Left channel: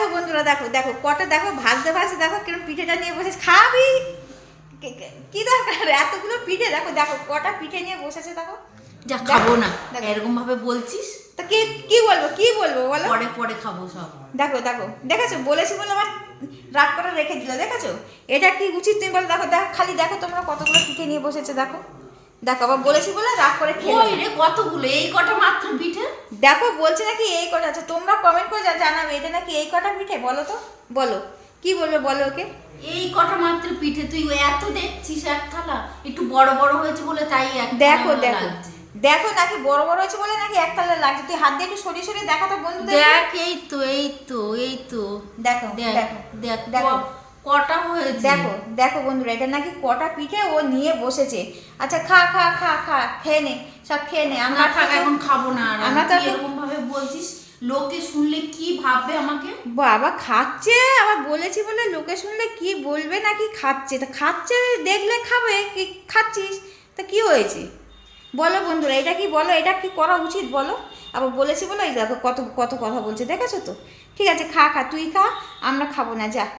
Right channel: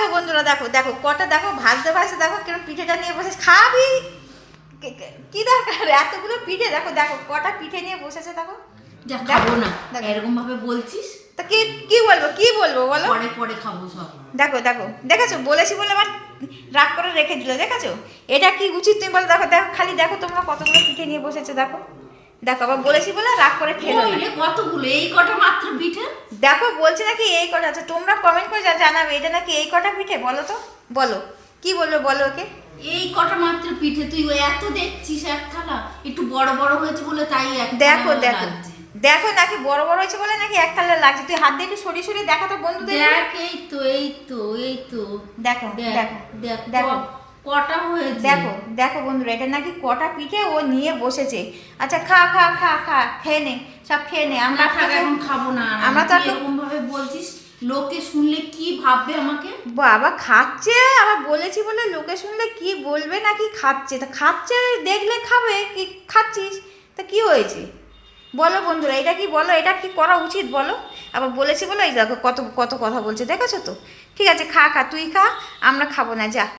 দেখো বন্ধুরা, দেখো দেখো কটা, দেখো ভাজতে ভাজতে দেখো কিরকম পিঠেটা নিয়ে বসে খাবি। কি দরকার এতগুলো পিঠে, দেখো দেখো কটা পিঠে নিয়ে বসেছে দেখো। যা খাবো না, এরকম ভাবে বলছিস। তা কি কি বলবো, কি বলবো বলো? পরে পরে খাবো সব। দেখো দেখো দেখেছো, বলেছি বলে আমার রাগ করে রেখে দিল, দেখেছো? এটা কি উচিত তুমি বলো? দেখো দেখো খালি দেখো তোমরা কতগুলো পিঠে নিয়ে বসেছে, দেখো দেখো। আবার বলেছি বলে রাগ করে খেলো না। কতগুলো, এই কটা মাত্র পিঠে? দেখো বলছে নাকি এই কটা আছে, তোমরা কমেন্ট করে জানাবে এটা নাকি এই কটা পিঠে। বলো তো, বলো কি বলবে, বলো ওকে। এই কটা মাত্র পিঠে, তুই এত দেখছিস এক থালা, একটু বড় বড় হয়েছে বলে তাই এক দেখো থালা দেখো লাগছে। দেখো নাকি বড় বড় হয়েছে বলে নাকি এক থালা লাগছে। তুই হাত দিয়ে একটু সরিয়ে সরিয়ে দেখা তো বন্ধুদের। দেখ, এই তো এই তো এই তো দেখো দেখ দেখো দেখ দেখো কটা হয়েছে। দেখো দেখো বন্ধুরা, এটা নাকি কটা পিঠে ও নিয়ে বসেছে। আচ্ছা খা খা খা খা, খেয়ে নে, সব খেয়ে নে। আমরা এখন খাবো না। আমরা তো এরকম ভাবে বলছিস, লোকে শুনলে কি ভাববে আমাকে? বাবা খাচ্ছে, আবার বলেছি বলে লোকে শুনলে কি বলবে নাকি খাচ্ছে। তা খাচ্ছে দেখলে খাবে, কি খাচ্ছিস তা কি হয়েছে বলো বন্ধুরা, এটা কি বলো, এটা কি করা উচিত বলো? আবার বলেছি বলে এই দেখো কত কত কথা বলছে, দেখেছো তো? ঠিক আছে খা খা, তুই খা, আমরা খাবো না, যা